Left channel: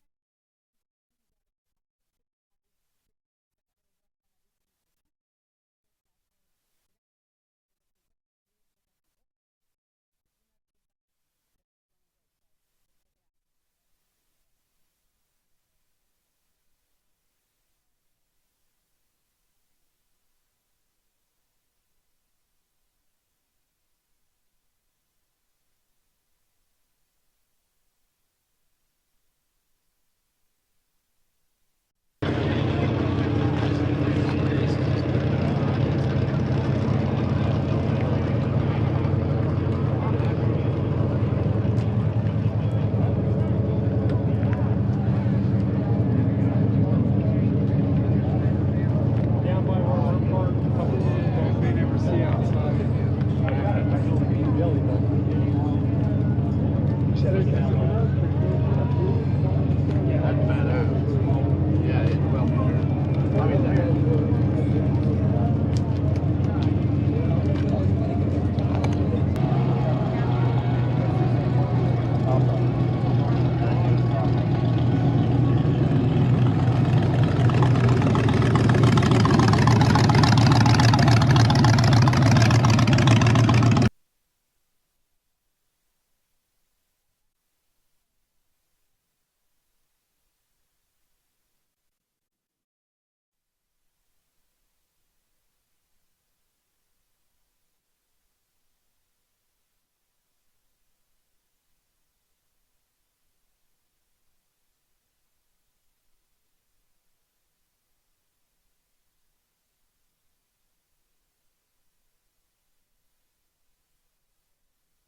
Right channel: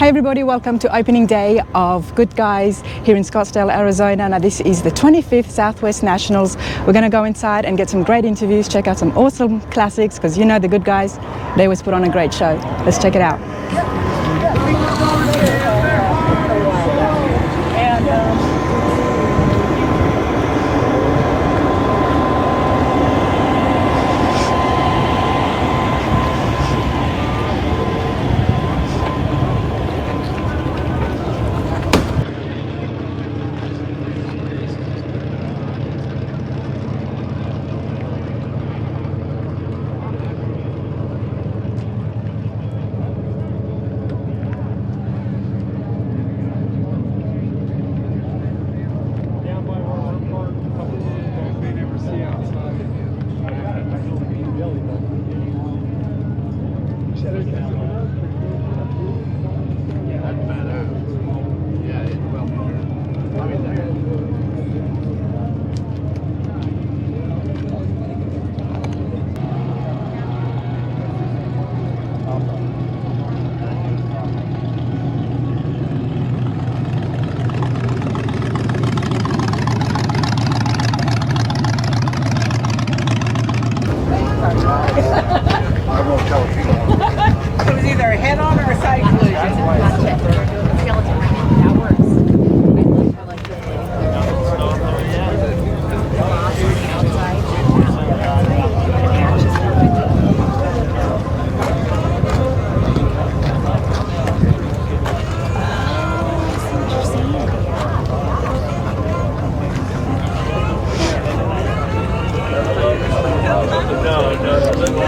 Hey everybody, welcome to opening day of Goodguys here in Scottsdale, Arizona. Now this is the 25th Southwest Nationals. We're going to go inside and get some great interviews, check out some awesome classics, because you know the Goodguys, they always put on a great show. Let's check it out.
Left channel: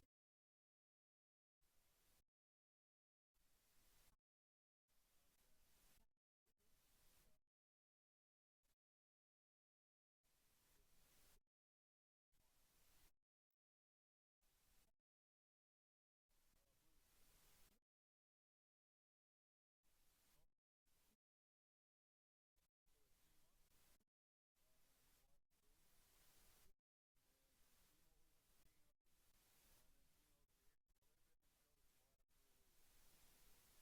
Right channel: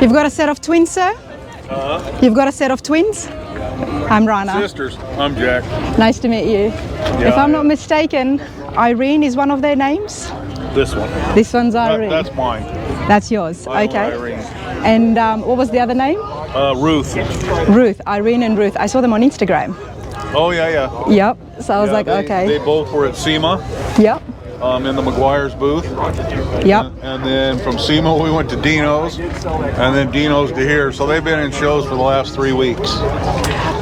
You've got a set of twins, sir? You've got a set of twins? I'm Rana. Sisters. I'm Jack. Nice to meet you. Yeah, if I'm not mistaken, Irene is one of their names? This one. This one's Irene. That's mine. That's yours. I okay. own Irene. And what was the other name? Ruth. Ruth. Irene and Ruth. I saw them on Instagram. Oh, yeah. Yep. So I was like, they, okay. They both were at SEMA. Yep. In the McGuire's booth. Yep. And then from SEMA we went to Dino's, and then Dino's to here. So they've been in shows for the last 3 weeks.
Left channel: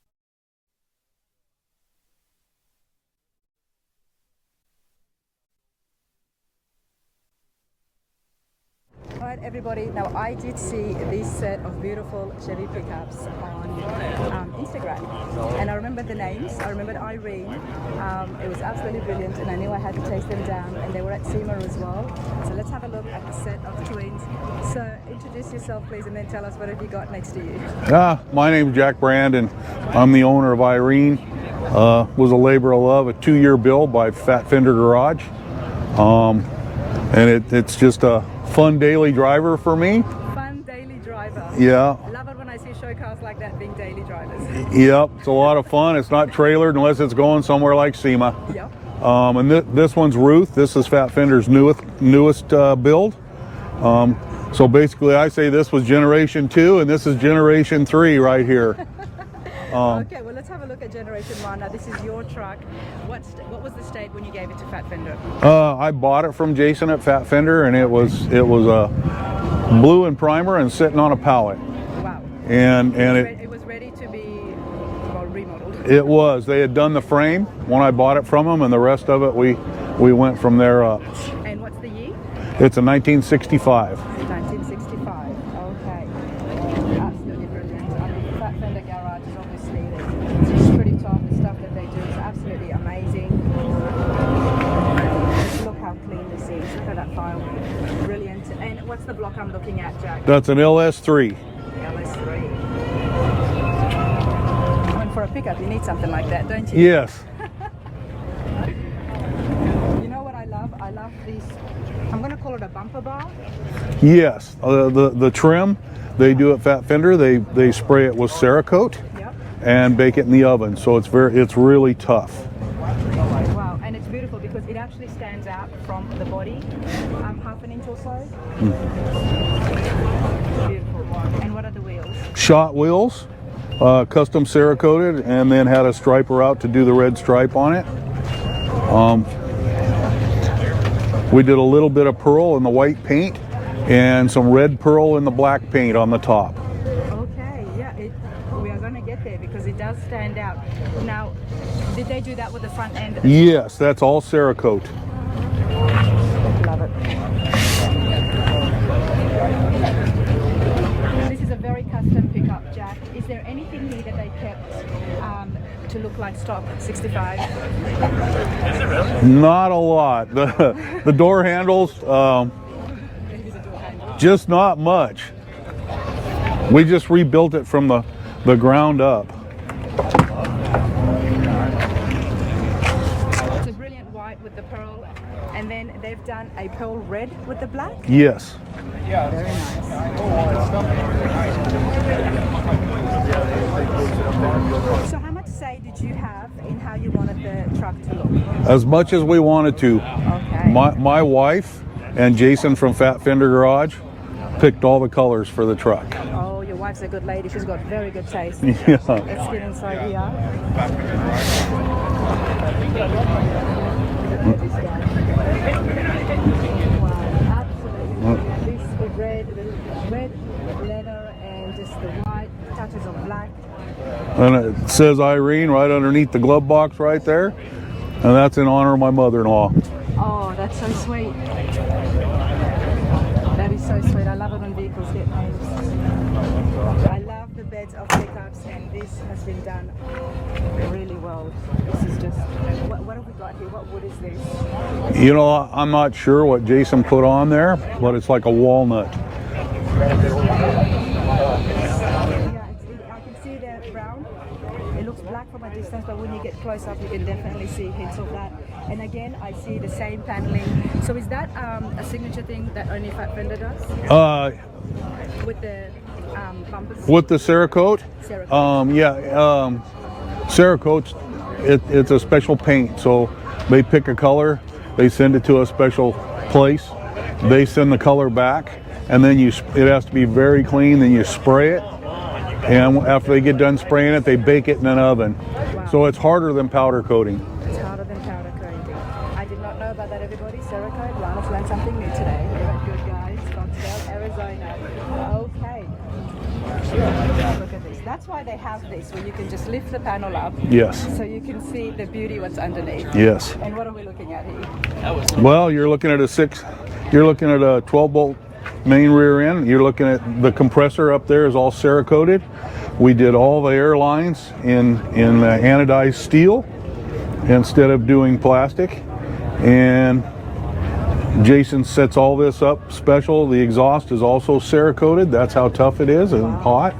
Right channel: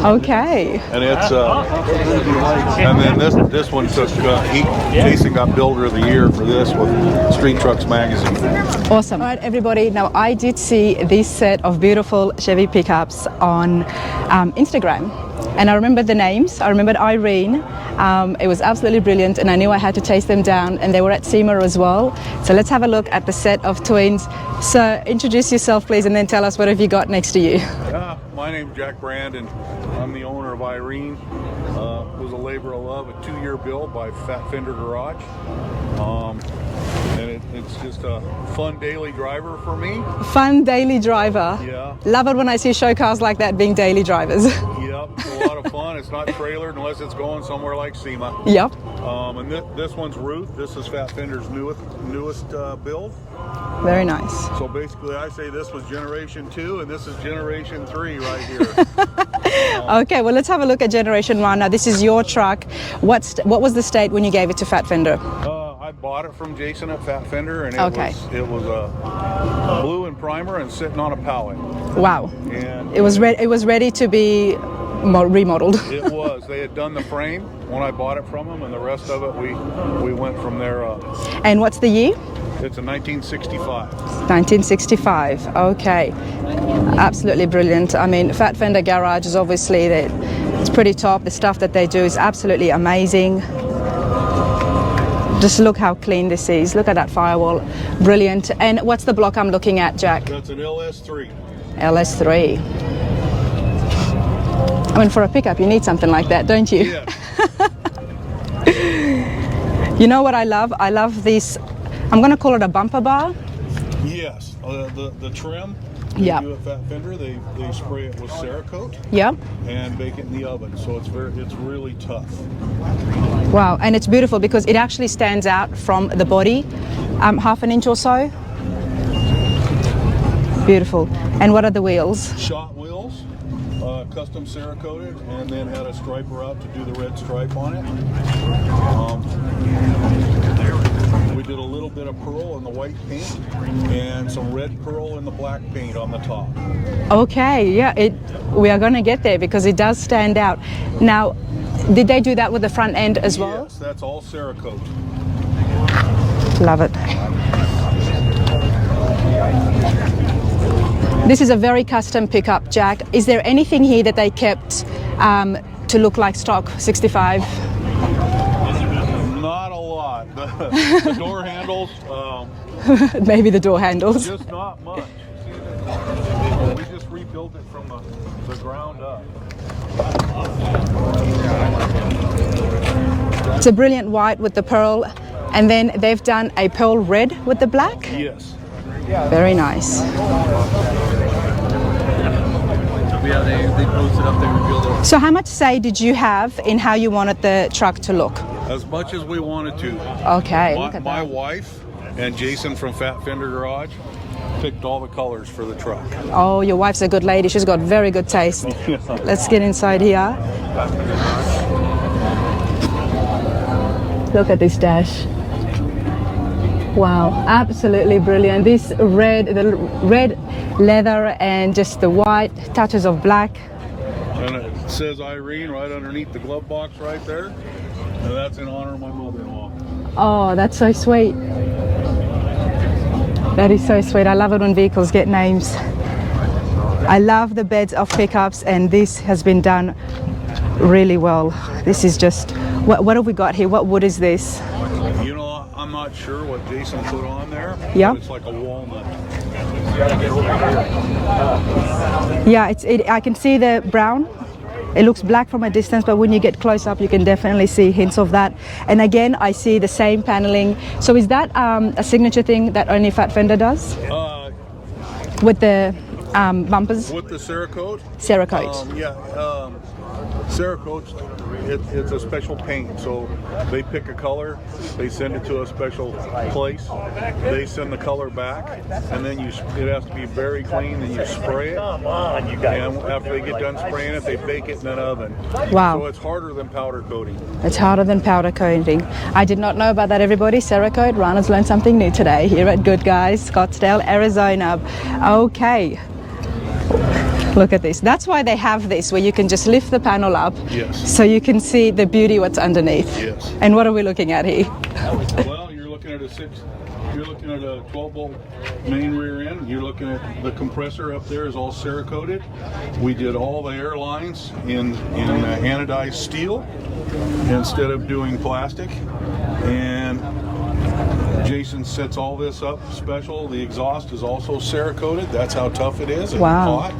Okay. And it's and then this one took Jason got Builder of the Year for this with Street Trucks Magazine. Awesome. All right, everybody. Now I did see this set of beautiful Chevy pickups on Instagram, and I remembered the names. I remembered Irene. It was absolutely brilliant, and I knew I had to chase them down, and they were at SEMA as well. So let's have a look at the set of twins. So introduce yourself, please, and then tell us what have you got next to you. My name's Jack Brand, and I'm the owner of Irene. Was a labor of love, a 2-year build by Fender Garage. And it's just a fun daily driver for me. Fun daily driver. Yeah. Love it when I see show cars like that being daily drivers. Yep, it's a lot of fun. It's not trailered unless it's going somewhere like SEMA. Yep. And this one's Ruth. This is Fat Fender's newest build. Very nice. So basically I say this was generation 2 and this is generation 3 right here. Okay, well let's have a look at generation 1. Now this is your truck. What was the state when you gave it to Fat Fender? I bought it from Jason at Fat Fender, and it was blue and primer and sitting on a pallet. Wow. And it was ready to be remodeled. It was. They had done the frame when I bought it from them, and the rest of it we went from there up. And what's the year? It's a 1965. 1965. Okay. Absolutely brilliant. I mean, Fat Fender Garage is obviously, it's pretty top. The stuff that they do is absolutely amazing. Just look how clean this is. Look at that firewall. Brilliant. And what's the block I'm looking at, Jack? That's an LS3. LS3. I mean, for a pickup, you need something like that, don't you? Yes. You know what I love? I love this, I'm going to call it a bumper bar. Yes. The trim. They do at Fat Fender. They spray it with Cerakote. Yeah. And bake it in the oven, so it's really tough. Wow, and it's beautiful because it actually stands out from the body, half an inch or so. Beautiful. And what are the wheels? Shot wheels, custom Cerakoted, and then had a striper out to do the red stripe on it. We did a little bit of pearl in the white paint and some red pearl in the black paint on the top. Okay, yeah, we are going to get there because it does stand out. Now, did they do that with the front end as well? Yes, that's all Cerakote. Love it. This is a very custom pickup, Jack. Is there anything here that they kept to look like stock 65? Not a lot. The door handles, Maybe the door handles. just not much. We just rebuilt it from the ground up. It's a brilliant white with the pearl, and then they've done a pearl red with the black. Yes. Very nice. So how much say did you have in how you wanted the truck to look? As much as we wanted to. Okay. My wife and Jason from Fender Garage picked all the colors for the truck. Oh, your wife's a good lady. She's got very good taste. Yeah. Let's get inside here. Look at this dash. Wow, absolutely brilliant. This the red leather and just the white touches of black. And it says Irene right underneath the glove box right there. And that's in honor of my mother-in-law. Oh, that's so sweet. That is so sweet. I love it when vehicles get names. I love the beds of pickups, and this has been done really well. This is just, what have we got here? What wood is this? You know, I'm not sure what Jason put on there, Yep. but it's like a walnut. Yeah, I can see the brown. It looks black from a distance, but when you get close up, you can definitely see hints of that. And again, I see the same paneling. So is that a signature thing that only Fat Fender does? With the bumpers? With the Cerakote? Cerakote. Cerakote, it's a special paint. So they pick a color, they send it to a special place, they send the color back, and then it has to be very clean, then you spray it. And after they get done spraying it, they bake it in an oven. Wow. So it's harder than powder coating. It's harder than powder coating. I did not know about that, everybody. Cerakote, Rana's learned something new today here at Goodguys, Scottsdale, Arizona. Okay. Look at this. That's why they have this, where you can just lift the panel up. Yes. So you can see the beauty what's underneath. Yes. And what are we looking at here? Well, you're looking at a 12-bolt main rear end. You're looking at the compressor up there is all Cerakoted. We did all the air lines in anodized steel instead of doing plastic. And Jason sets all this up special. The exhaust is also Cerakoted. That's how tough it is and hot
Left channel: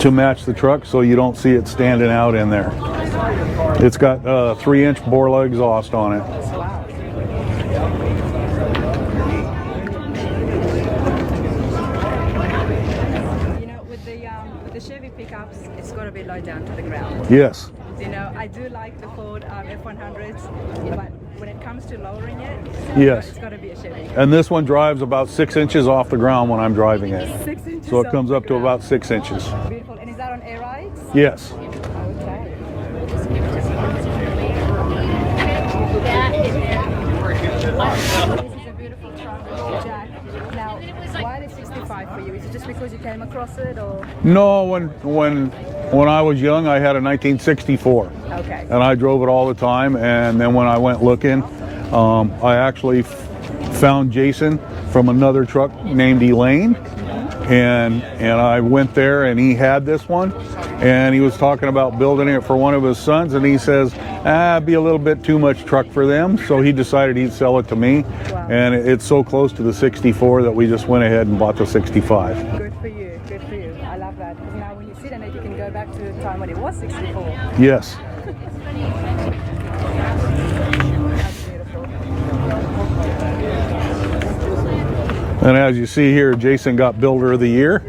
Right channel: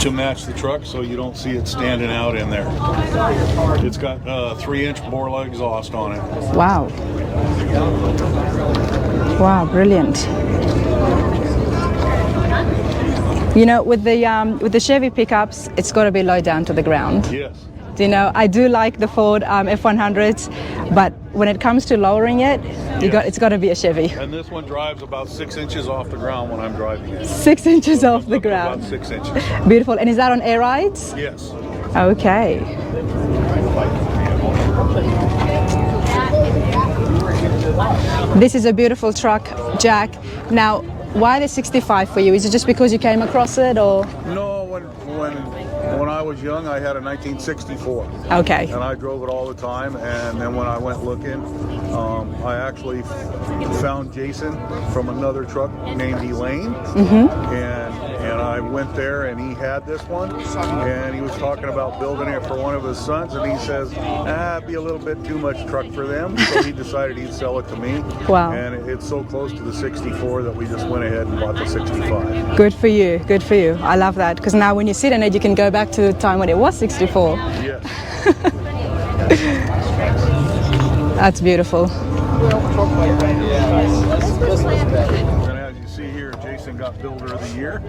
to match the truck, so you don't see it standing out in there. It's got a 3-inch Borla exhaust on it. Wow. Wow, brilliant. You know, with the Chevy pickups, it's got to be low down to the ground. Yes. You know, I do like the Ford F100s, but when it comes to lowering it, it's got to be a Chevy. And this one drives about 6 inches off the ground when I'm driving it. 6 inches So it off comes the up ground. to about 6 inches. Beautiful. And is that on air rides? Yes. Okay. This is a beautiful truck, Jack. Now, why the 65 for you? Is it just because you came across it, or? No, when I was young, I had a 1964. Okay. And I drove it all the time. And then when I went looking, I actually found Jason from another truck named Elaine. And I went there, and he had this one, and he was talking about building it for one of his sons, and he says, it'd be a little bit too much truck for them, so he decided he'd sell it to me. Wow. And it's so close to the 64 that we just went ahead and bought the 65. Good for you, good for you. I love that, because now when you sit in it, you can go back to the time when it was 64. Yes. That's beautiful. And as you see here, Jason got Builder of the Year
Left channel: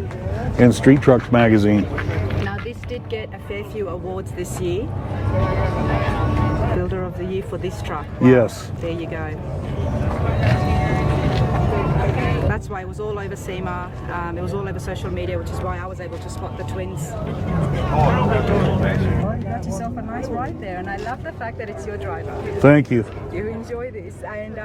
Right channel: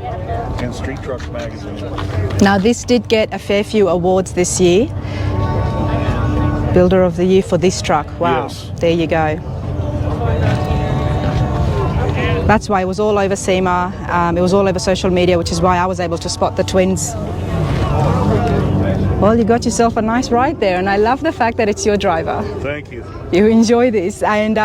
in Street Trucks magazine. Now, this did get a fair few awards this year. Builder of the Year for this truck. Wow. Yes. There you go. That's why it was all over SEMA. It was all over social media, which is why I was able to spot the twins. Well, you got yourself a nice ride there, and I love the fact that it's your driver. Thank you. You enjoy this, and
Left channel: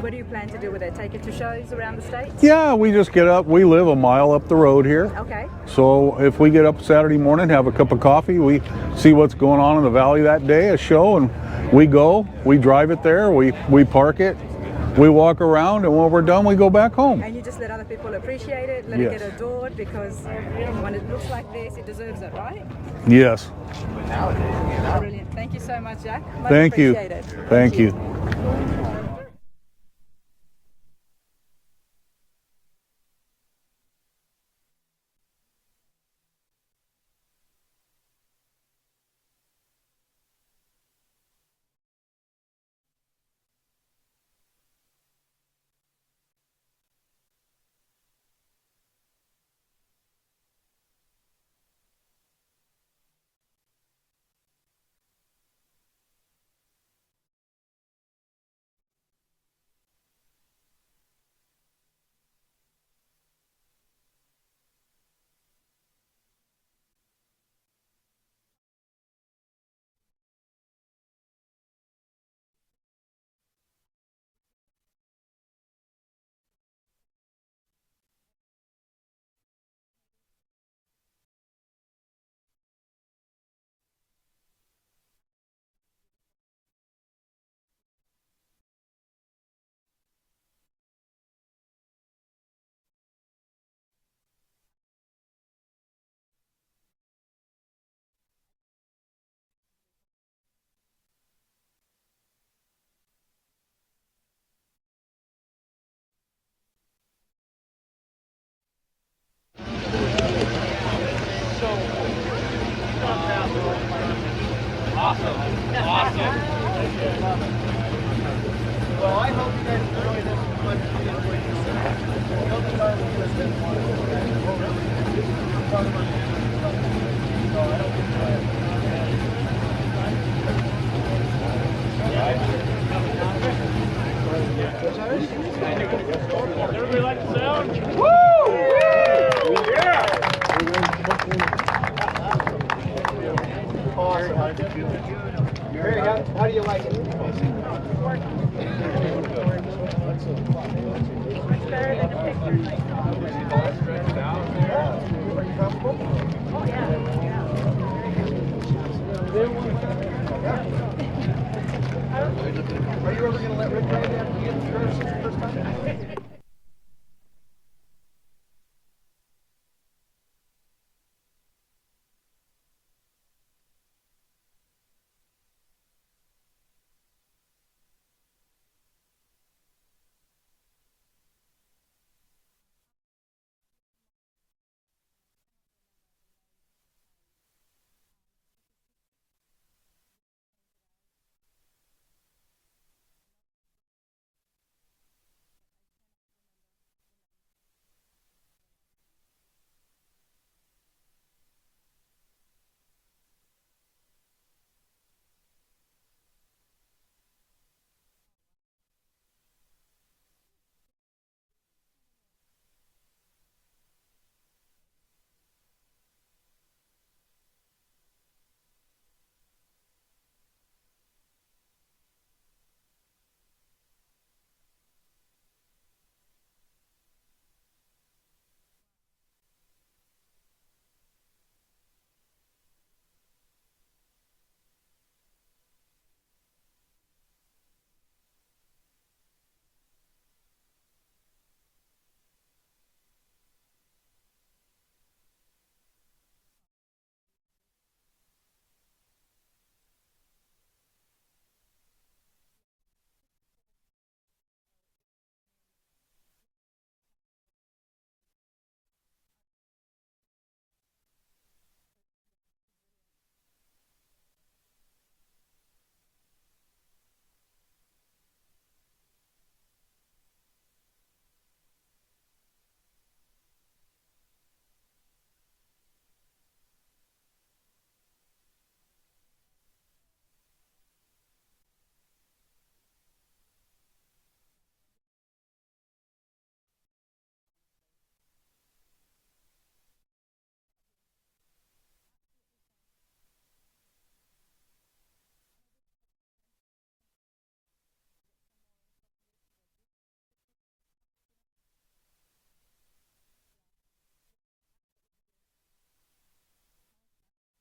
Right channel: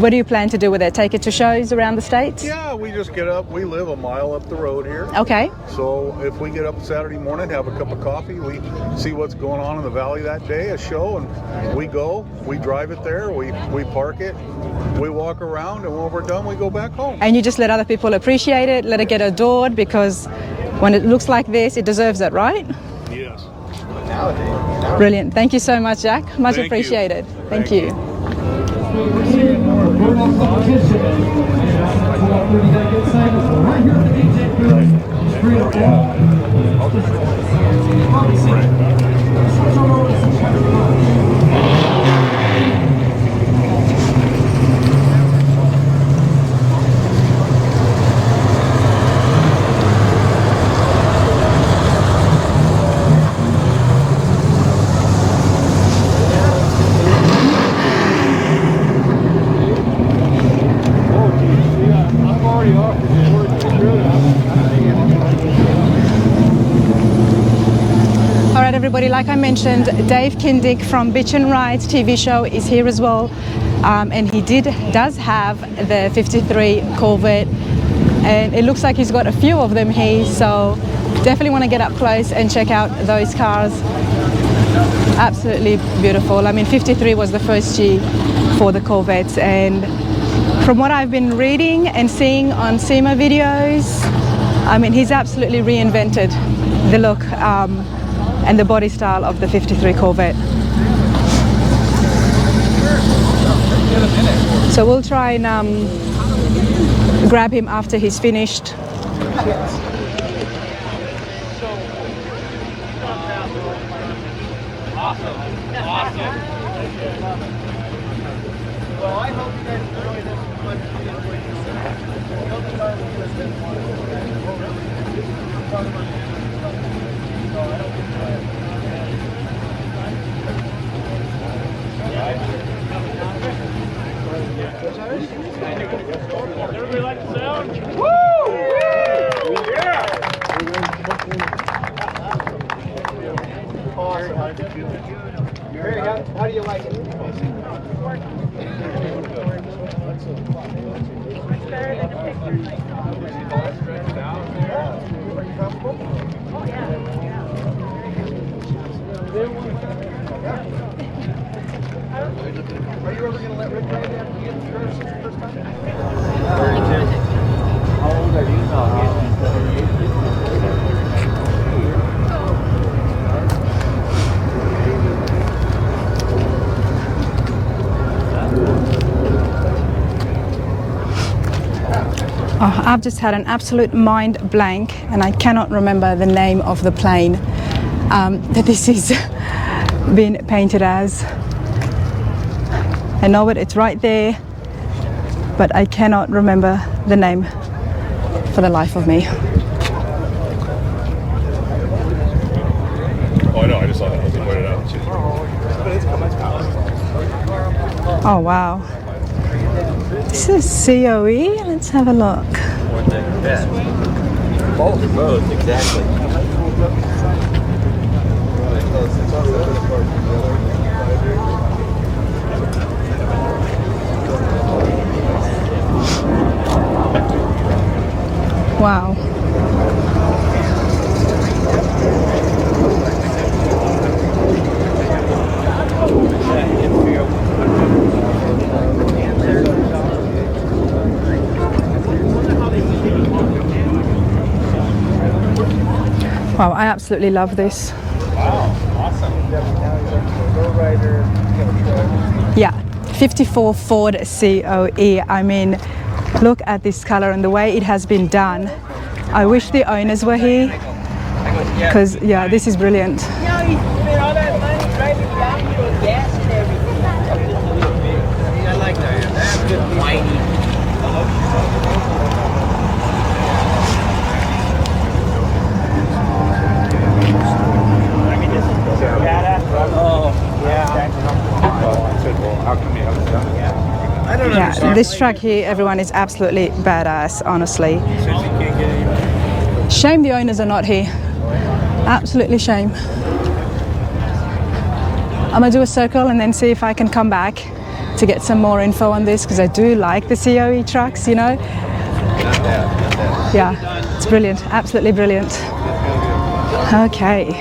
what do you plan to do with it? Take it to shows around the States? Yeah, we just get up. We live a mile up the road here. Okay. So if we get up Saturday morning, have a cup of coffee, we see what's going on in the valley that day, a show, and we go, we drive it there, we park it, we walk around, and when we're done, we go back home. And you just let other people appreciate it, let it get adored, because when it looks like this, it deserves it, right? Yes. Brilliant. Thank you so much, Jack. Much Thank you. appreciated. Thank you. Everybody, like I mentioned, Dave Kindig from Bitchin Rides TV show is here as well, and he does have the 53 Corvette, and it looks like he's got a few of them here, so definitely want to get up close and check out those cars. Absolutely beautiful. I mean, 53 was the first G for the Corvettes, and from what I've been reading and seeing on SEMA videos, I mean, he's absolutely reinvented the look and the body style of the 53 Corvette. So we'll try and grab him after he's finished. Awesome. Well, I hope you guys enjoy this Everybody like the sound? Woo! Yeah! How do you like it? Are you ever going to let Rick drive after you get the first time? How old are you now? Oh, I've just had an absolute mind blank, and I cannot remember the name of the plane that this is been painted as. I know it, it's right there, but I cannot remember the name for the life of me. Oh, I know, I just saw that. I was going to point it out. Oh, wow. This is COE. Let's have a look. Both, exactly. Wow. Wow, I absolutely love this. Wow, awesome. Yeah, 54 Ford COE. I mean, look at this color and the way it has been done. I wish the owners were here, because yeah, this is brilliant. You know, he spent all that money driving down to gas and everything. I like that. That's good whiny. Yeah, this truck here, everyone, is absolutely badass, honestly. Shame the owners are not here. Absolutely shame. I'm gonna do a circle and then see if I can come back to get some more info on this, because I do like the COE trucks, you know. Yeah, it's brilliant, absolutely brilliant. Okay.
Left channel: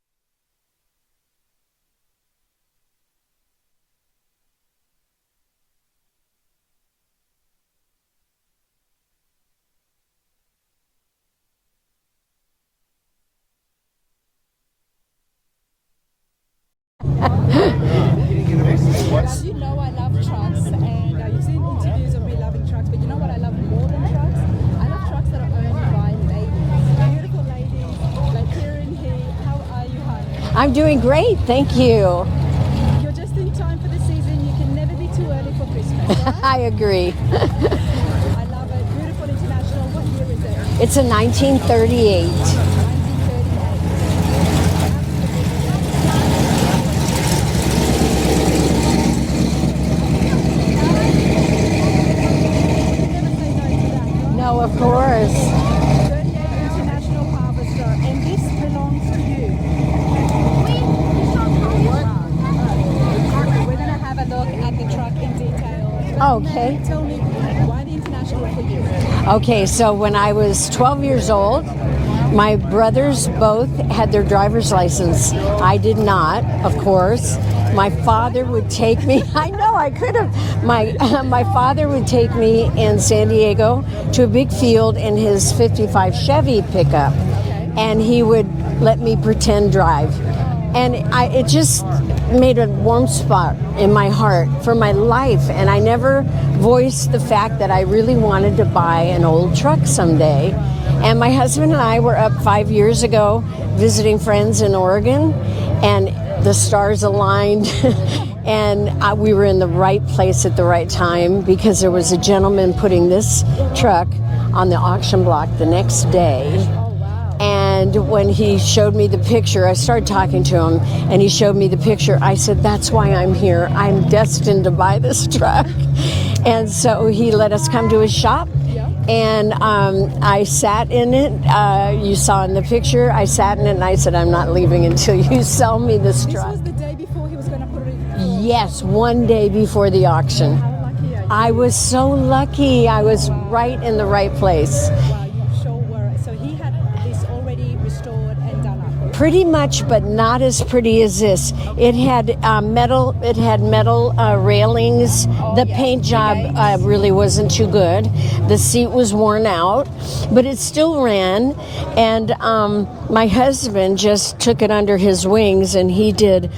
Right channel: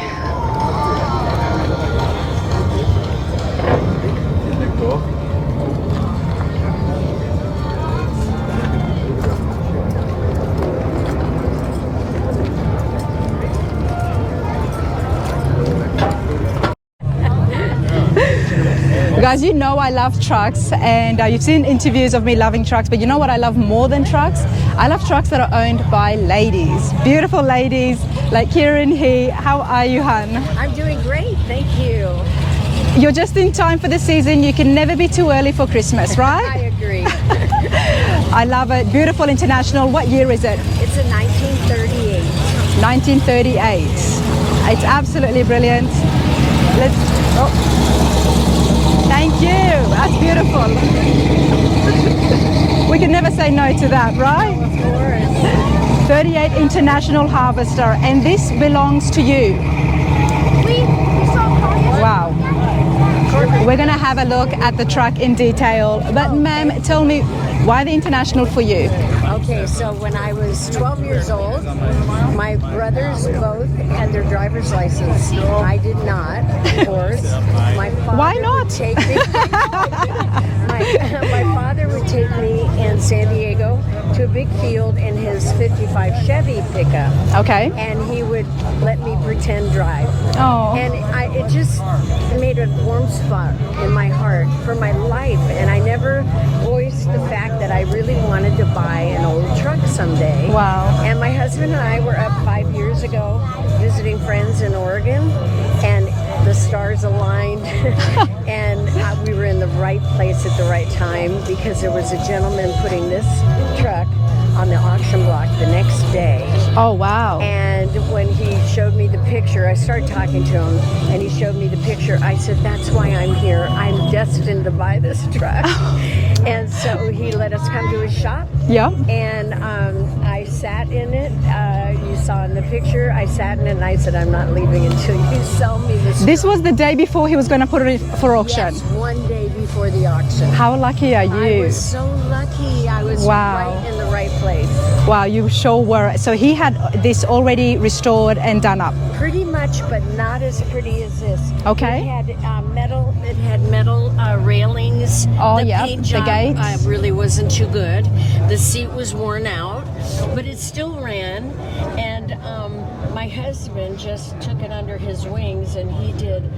Guys, you know I love trucks, and you've seen interviews of me loving trucks, but you know what I love more than trucks? I love trucks that are owned by ladies, beautiful ladies like Karen here. How are you, hon? I'm doing great, thank you. You're just in time for the season. You can never be too early for Christmas, right? I agree. I love it. Beautiful International. What year is it? It's a 1938. 1938. It's absolutely brilliant. Thank you. That's beautiful. We can never say no to that, right? Oh, of course. 38 International Harvester, and this belongs to you. Wow. We're going to have a look at the truck in detail. But Okay. ma'am, tell me, why the International for you? Okay, so when I was 12 years old, my brothers both had their driver's license. I did not, of course. My father not? would take me. I know, I could have. My father would take me in San Diego to a big field in his 55 Chevy pickup. Okay. And he would let me pretend drive. Oh. And it just made a warm spot in my heart for my life. And I never voiced the fact that I really wanted to buy an old truck someday. Wow. And my husband and I were up 5 years ago visiting friends in Oregon, and the stars aligned and we were in the right place at the right time, because there was a gentleman putting this truck on the auction block the next day. Oh, wow. And when he showed me the picture, I started talking to him, and he showed me the picture. I said, that's why I'm here. I'm destined to buy this truck. And so he let us come to his shop. Yeah. And I sat in it. You saw in the picture, I sat in it, and I said, I'm not leaving until you sell me this This truck. was the day before he was going to put it for auction. Yes, one day before the auction. How lucky are you? I was so lucky. I was Wow. right in the right place. Wow, you sure were. So he had this already restored and done up. Pretty much, but not as pretty as this. Okay. It had metal. It had metal railings. Oh, the yeah, paint the job gates. really wasn't too good. The seat was worn out, but it still ran. And my husband just took it under his wings, and he did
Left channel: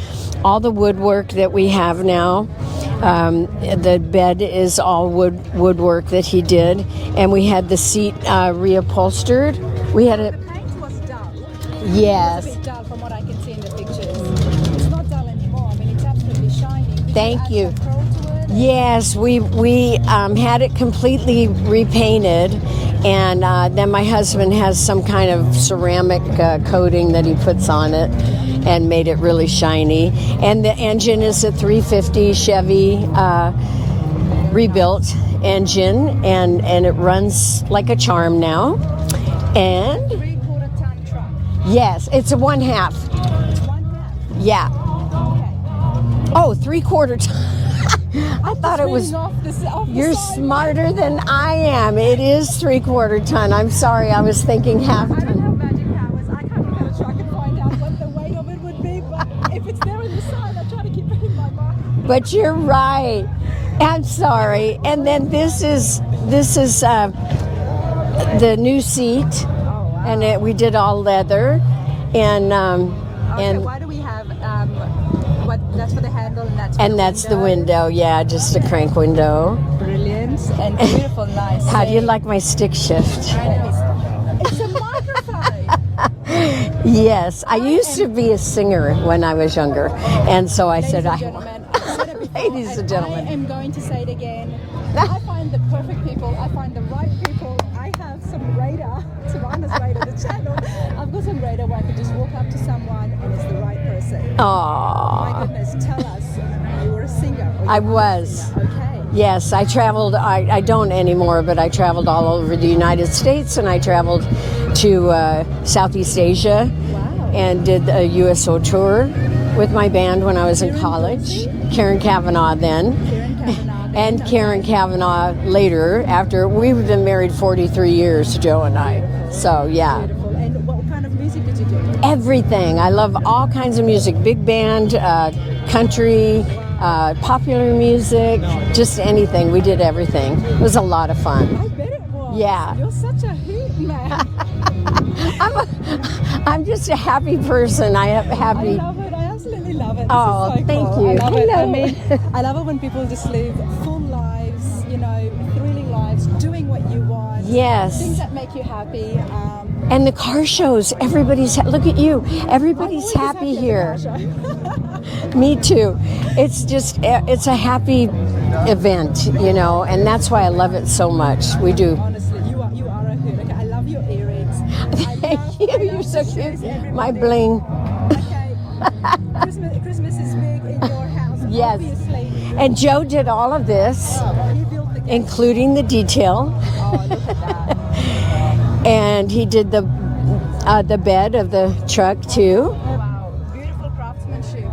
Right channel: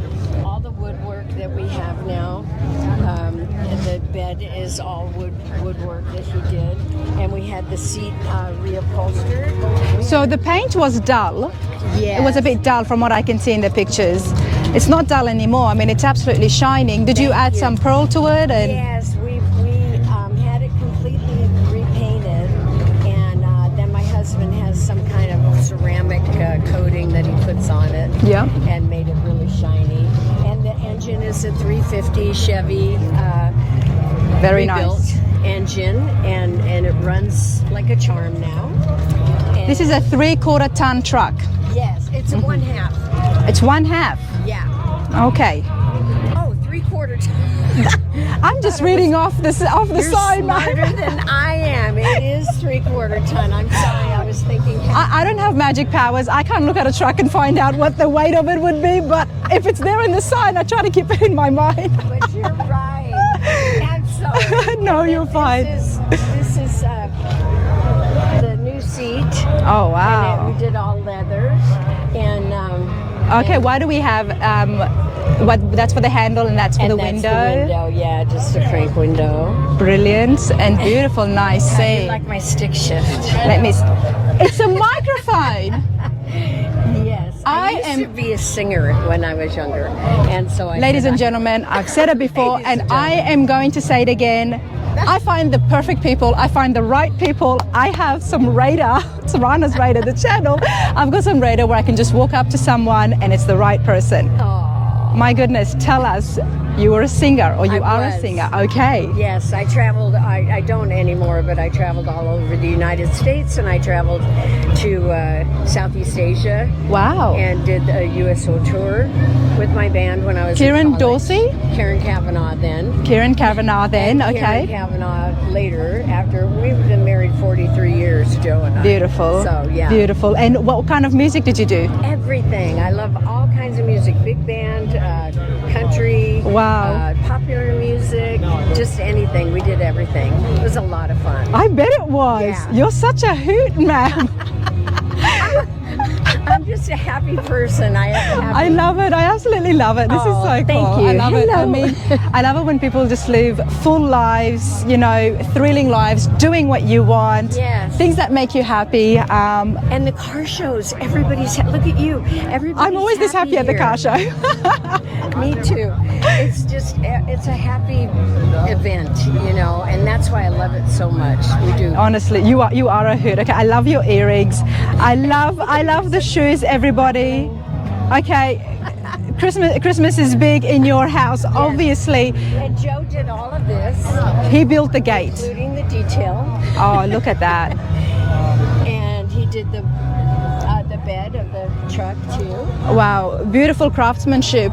all the woodwork that we have now. The bed is all woodwork that he did, and we had the seat reupholstered. So the paint was dull. Yes. It was a bit dull from what I can see in the pictures. It's not dull anymore. I mean, it's absolutely shining. Did you Thank add you. some pearl to it? And- Yes, we had it completely repainted, and then my husband has some kind of ceramic coating that he puts on it, Yeah. and made it really shiny. And the engine is a 350 Chevy Very rebuilt nice. engine, and it runs like a charm now. And This is a 3/4 ton truck. yes, it's a 1/2. It's 1/2. Yeah. Okay. Oh, 3/4 ton. I'm just thought it reading was- off the You're side. smarter than I am. It is 3/4 ton. I'm sorry, I was thinking half. I don't have magic powers. I can't look at a truck and find out what the weight of it would be, but if it's there in the sign, I try to keep it in my mind. But you're right. I'm sorry. No, and then you're fine. this is the new seat, Oh, wow. and we did all leather. And Okay, and, why do we have that's for the handle and that's for and the that's window? the window. Yeah, just a crank window. Brilliant and beautiful, nice. How do you scene. like my stick shift? Let me. It's a microphone. Yes, I I used am- to be a singer when I was younger, and so I Ladies said, and gentlemen, I've said it before Ladies and and I gentlemen. am going to say it again. I find the perfect people. I find the right people. I have some radar. Sarana's radar, the channel. I've got some radar where I can just walk up to someone and it's the right person. "Oh, My goodness, tell us, you were a singer or you I are was. a singer. Okay. yes." I traveled. I don't anymore, but I traveled all over the United States, and I traveled to Southeast Asia Wow. and did a USO tour. with my band when I was in Karen college. Dorsey? Karen Kavanaugh then. Karen Kavanaugh then, And Karen Kavanaugh later, after we've been married 43 years, Joe and I. Beautiful. So, yeah. Beautiful. And what kind of music did you do? Everything. I love all kinds of music. Big band, country, Wow. popular music, just anything. We did everything. It was a lot of fun. I bet it was. Yeah. You're such a hoot, man. I'm just a happy person. I love it. I absolutely love it. This Oh, is so cool. thank you. I love it. I Hello. mean, I love it when people just live full lives, you know, thrilling lives, doing what you want. Yes. Things that make you happy. And the car shows, everybody's, look at you. Everybody's I'm always this happy at the here. car show. Me too. It's just, it's a happy event, you know, and that's why I love it so much. We do. Honestly, you are a hoot. Okay, I love your earrings. I love the shoes, everybody. My bling. Okay, Christmas is big in your house, obviously. And Joe did all of this, He built the gate. including the detail, Oh, look at that. and he did the bed of the truck too. Wow, beautiful craftsmanship.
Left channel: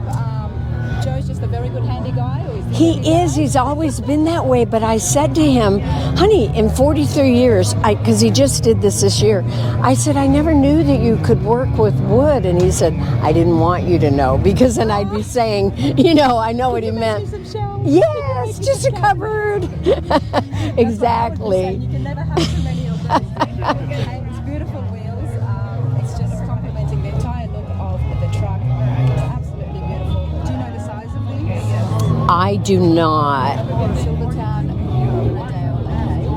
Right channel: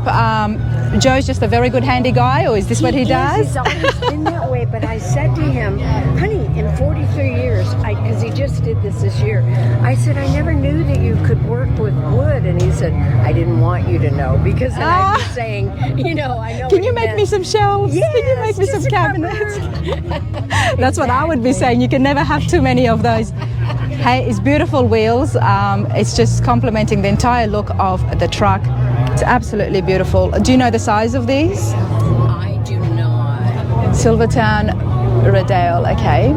Joe's just a very good handy guy, or is this what he does? He's always been that way, but I said to him, honey, in 43 years, because he just did this year, I said, I never knew that you could work with wood. And he said, I didn't want you to know, because then I'd be saying, you know, I know Can what you you make meant. me some shelves? Yes, Can you make me just some a cabinets? cupboard. That's what I would be Exactly. saying. You can never have too many of those. Hey, it's beautiful wheels. It's just complementing the entire look of the truck. It's absolutely beautiful. Do you know the size of these? I do not. Silvertown Rodale, okay.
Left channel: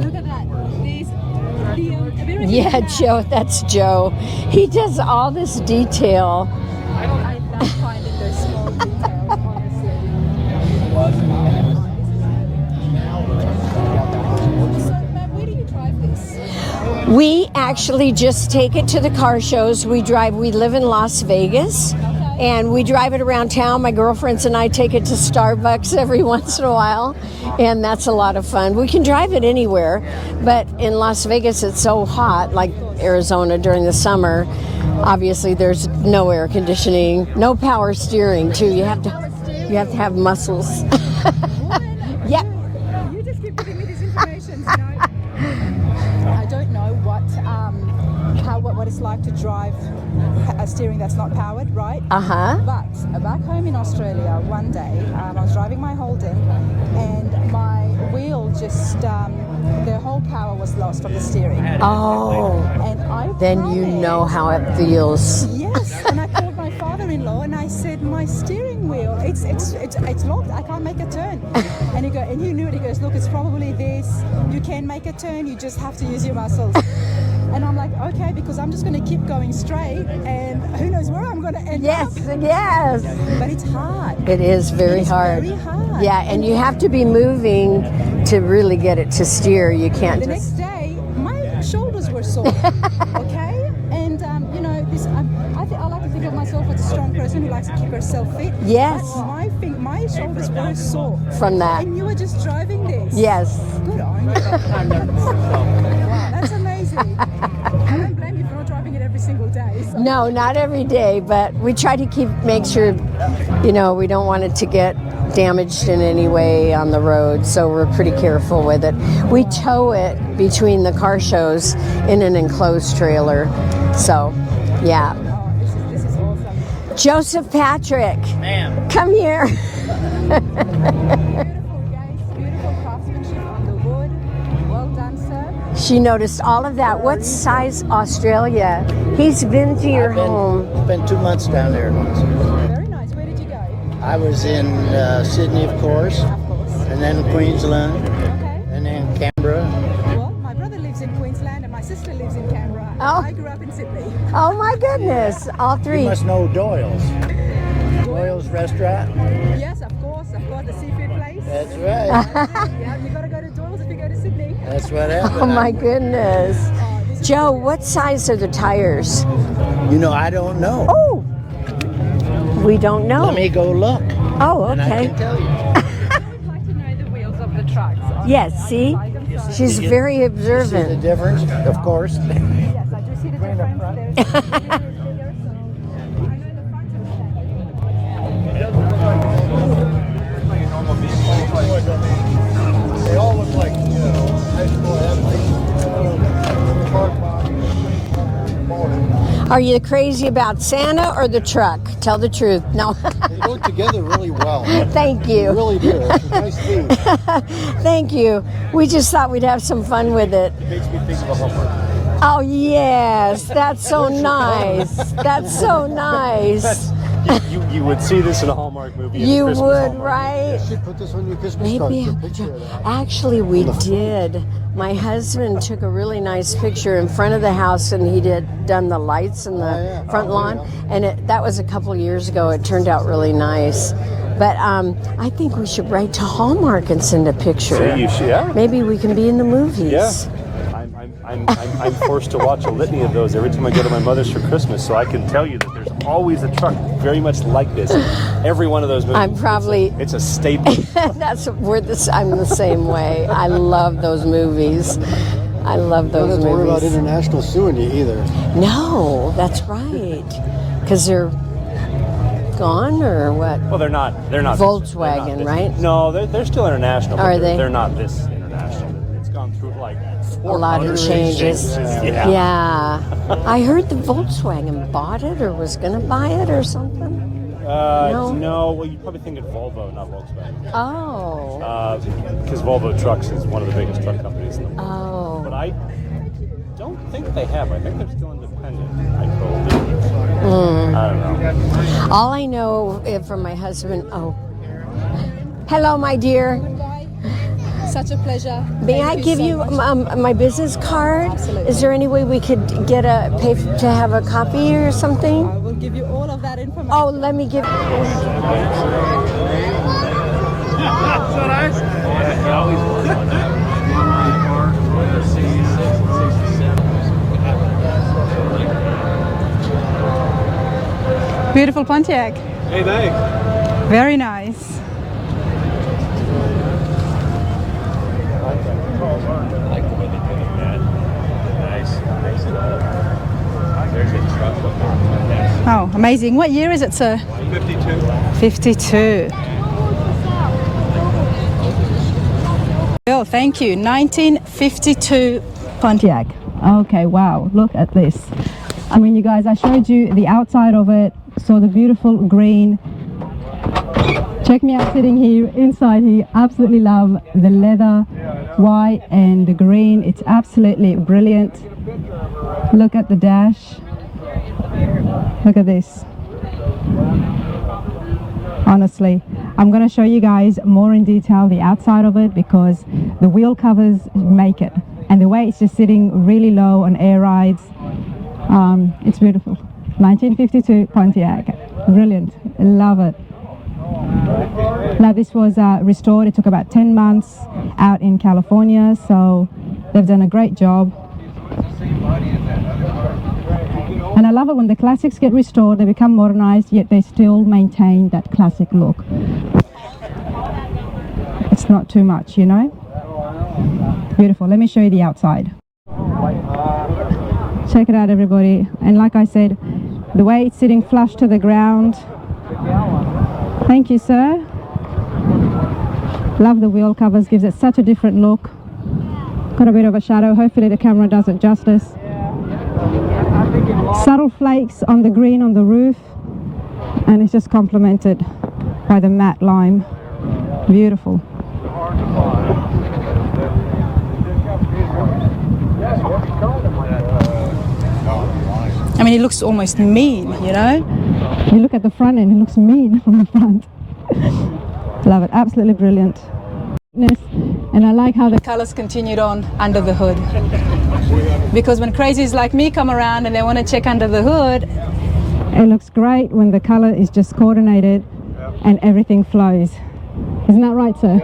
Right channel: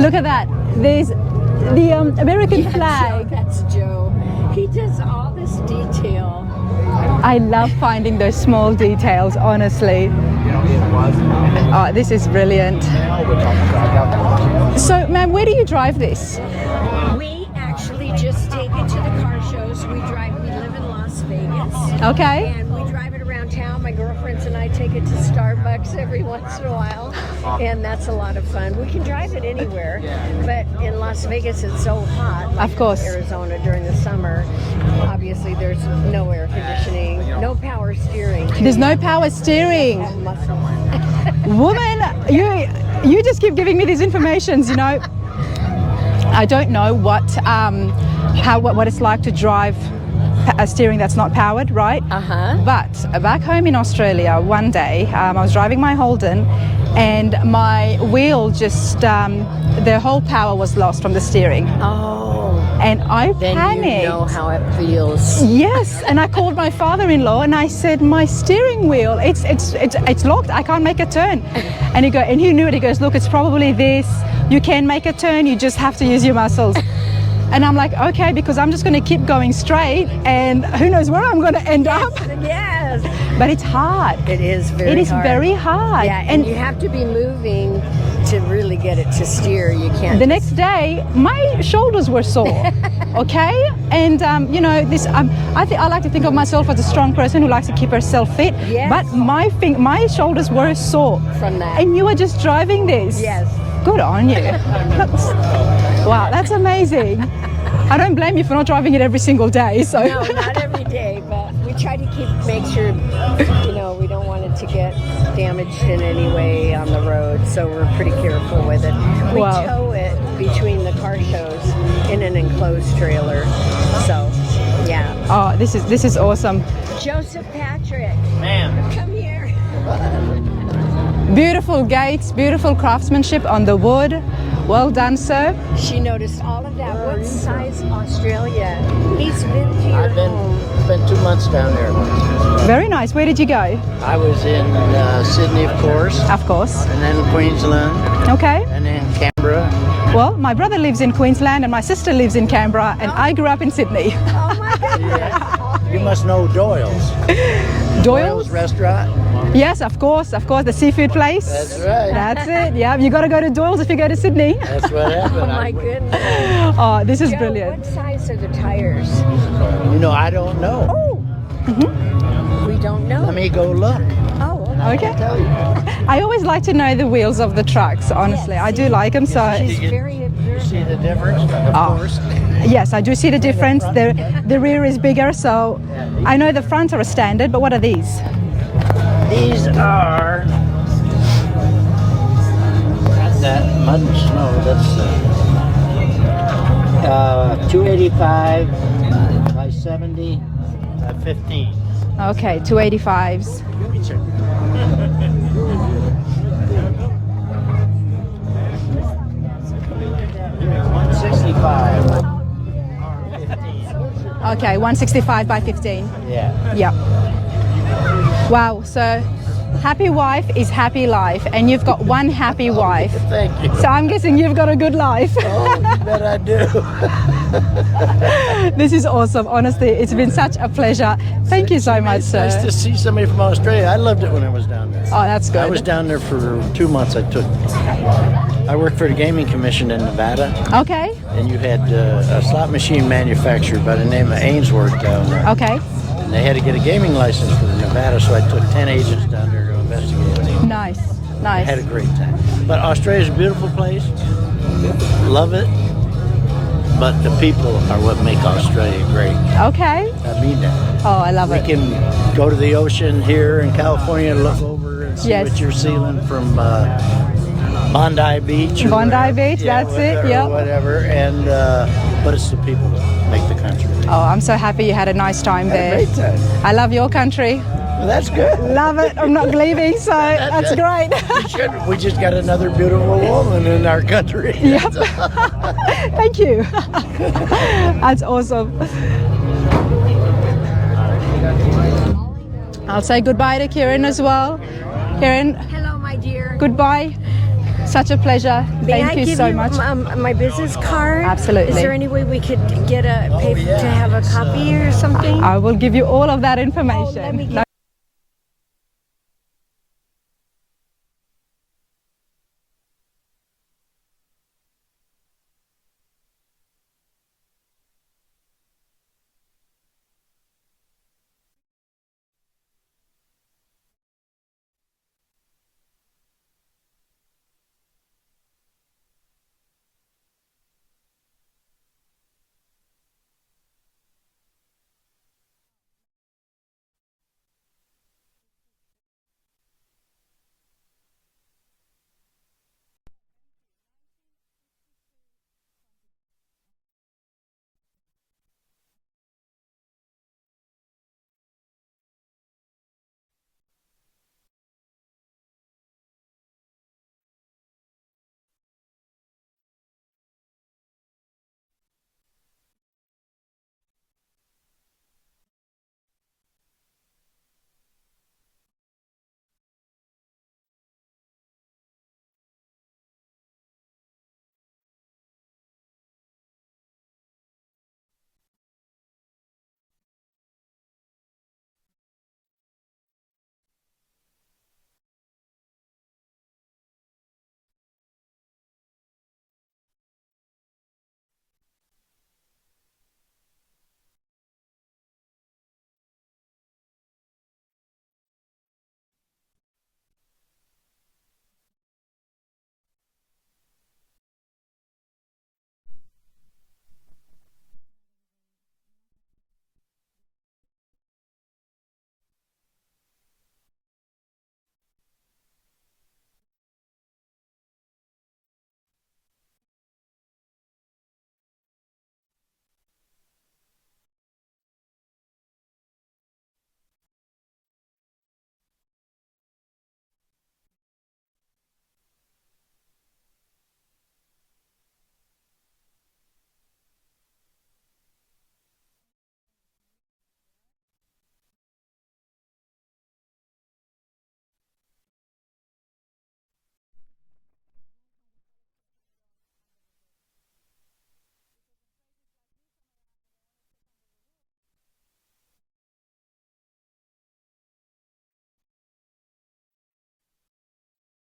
Look at that. There's the American Yeah, flag. Joe, that's Joe. He does all this detail. I love finding those small details, honestly. Oh, this is brilliant. So, ma'am, where do you drive this? We actually just take it to the car shows. We live in Las Vegas. Okay. And we drive it around town. My girlfriends and I take it to Starbucks every once in a while. And that's a lot of fun. We can drive it anywhere. But in Las Vegas, it's so hot, like Of course. Arizona during the summer. Obviously, there's no air conditioning, no power steering. Too. There's You no have to- power You have steering. to have muscles. Woman, you just keep giving me these informations, you know. I don't know what it's like to drive a steering that's not powered, right? Uh-huh. But back home in Australia, one day I was driving my Holden, and my wheel just the whole power was lost from the steering, Oh, and I then panicked. you know how it feels. Yes, and I called my father-in-law and I said, my steering wheel, it's locked. I can't make a turn. And he knew it. He goes, look, it's probably this. You can make a turn. You just have to use your muscles. And I'm like, okay, because I'm just going to keep going straight, and who knows where I'm going to end up. Yes. But it's hard. It is very hard. It is very hard. Yeah, and you have to be moving to really get it to steer. You can't. The next day, my shoulders were sore. Okay, and you know this. I like to think of myself as a strong person who likes to keep herself fit. Yes. But my shoulders were sore From that. And you were just driving this. Yes. Good on you. Wow, that's amazing. I don't blame you for not driving it every single day. So. No, not every day, but we try to make sure, you know, we don't want it to get damaged in any way on the road, so we're pretty careful with it. We Wow. tow it between the car shows in an enclosed trailer. So, yeah. Oh, this is awesome. Joseph Patrick, come here. Beautiful gates, beautiful craftsmanship on the wood. Well done, sir. She noticed all of that. What size Australia? He's been to your home. Spent 2 months down there. Very nice. Where did you go? I was in Sydney, of course, Of course. and then Queensland, Okay. and then Canberra. Well, my brother lives in Queensland and my sister lives in Canberra, and Oh. I grew up in Sydney. Oh my goodness, all You three. must know Doyle's. Doyle's? Restaurant. Yes, of course, the seafood place. That's right. That's it. Yeah, you got to go to Doyle's if you go to Sydney. That's what happened. Oh my goodness. Oh, this is Joe, brilliant. what size are the tires? You know, I don't know. Oh, We don't know. Let me go look. Oh, And I okay. can tell you. I always like to know the wheels of the trucks, honestly. I do see? like them, so She's very See observant. the difference? Of course. yes, I do see the difference. The rear is bigger, so I know the fronts are a standard, but what are these? These are. That mud and snow. That's 285. Are you crazy about Santa or the truck? Tell the Okay, truth. 285s. Work together really well. Thank you. Really do. Nice team. Thank you. We just thought we'd have some fun with it. 165. Oh, yes. That's so nice. Okay, 165 That's by so 15. nice. Yep. You would see this in a Wow, Hallmark so movie. You would, happy right? wife is happy life, and you've got one happy wife. Actually, we So I'm did. guessing you've got a good My life. husband took a really nice picture in front of the house, and he done This the is lights awesome. and the Honestly, it's been front such lawn. a pleasure. And that was Thank a you so couple much, years ago. sir. It To turned see out somebody really from Australia, nice. I loved it when But I I that's think good. we should down run there to for Hallmark 2 and months. send I a took- picture. Yeah. Maybe I we worked for the can do Gaming the Commission in movies. Nevada, Okay, and you had slot machine manufacturer by the name of Ainsworth. okay. They had to get a gaming license like this. So I took Everyone 10 agents I'm down probably. It's a statement. Nice. That's Nice. I'm the same But way. Australia's a I beautiful love place. those movies. there. Love it, I love those movies. but the people are what make Australia No, great. that's Okay. I mean that. Because Oh, I love We it. can go to the Fun ocean or here in what? California. They're not. Volkswagen, Yes. right? No, they're still international. Are they? They're not. Bondi Beach. Or Bondi Beach, that's it. A Yeah. lot of whatever, changes. and, Yeah. I heard the Oh, I'm so happy you had a nice time there. I love your country. That's good. Love it. I'm not leaving, so that's great. We just got another beautiful woman in our country. Thank you. That's awesome. All I know. I'll say from goodbye my to Karen husband- as well. Karen, Hello, my dear. goodbye. Such a pleasure. May I Thank you give so you much. my business card? Absolutely. Is there any way we could get pay to have a copy or something? I will give you all of that information. Oh, let me get. Beautiful Pontiac. Hey, thanks. Very nice. Oh, amazing. What year is it, sir? 52. 52. Oh, thank you. 1952 Pontiac. Okay, wow. Look at this. I mean, you guys, I showed you the outside of it. Saw the beautiful green. Check me out sitting here inside here. Absolutely love the leather, white and the green. It's absolutely brilliant. Look at the dash. Look at this. Honestly, I'm going to show you guys more in detail the outside of it because the wheel covers make it, and the way it's just sitting really low on air rides, it's beautiful. 1952 Pontiac, brilliant, love it. Now this was restored. It took about 10 months out in California, so they've done a great job. And I love it when the classics get restored, they become modernized, yet they still maintain that classic look. It's not too much, you know? Beautiful. Let me show you the outside. Check it out, everybody. And like I said, the way it's sitting flush to the ground. Thank you, sir. Love the wheel covers, gives it such a different look. Got a bit of a shadow. Hopefully the camera does it justice. Subtle flakes on the green on the roof, and it's just complemented by the matte lime. Beautiful. I mean, it looks almost mean, you know? You look at the front end, it looks mean from the front. Love it, absolutely brilliant. And I like how the colors continued on under the hood. Because when crazies like me come around and they want to check under the hood, it looks great when the color is just coordinated and everything flows. Isn't that right, sir?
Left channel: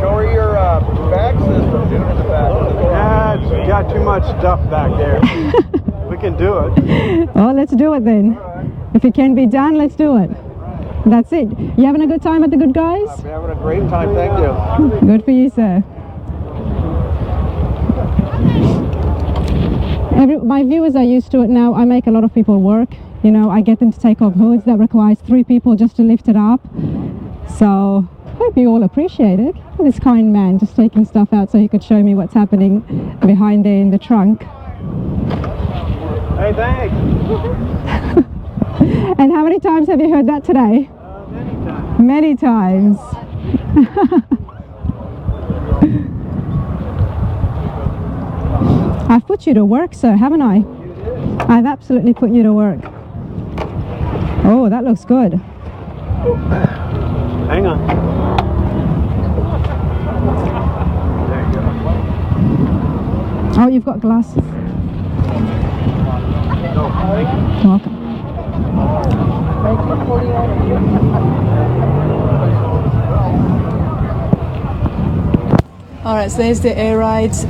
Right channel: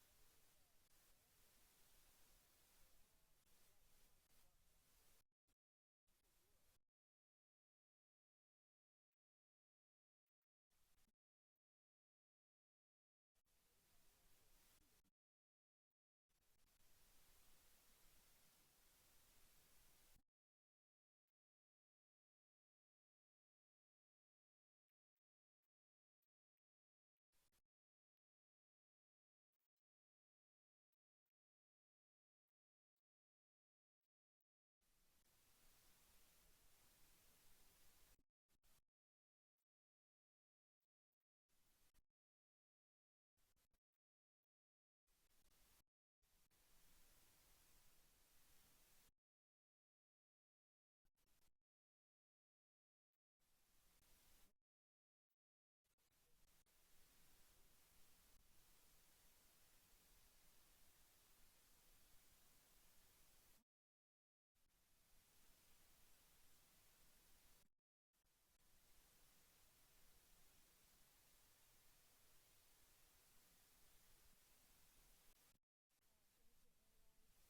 Show her your bag system, dude, in the back. Yeah, it's got too much stuff back there. We can do it. Well, let's do it then. If it can be done, let's do it. That's it. You having a good time at the Good Guys? I'm having a great time, thank you. Good for you, sir. My viewers are used to it now. I make a lot of people work. You know, I get them to take off hoods that requires 3 people just to lift it up. So, hope you all appreciate it. This kind man just taking stuff out so he could show me what's happening behind there in the trunk. Hey, thanks. And how many times have you heard that today? Many times. Many times. I've put you to work, sir, haven't I? I've absolutely put you to work. Oh, that looks good. Hang on. There you go. Oh, you've got glasses. Welcome. All right, so there's the air rides.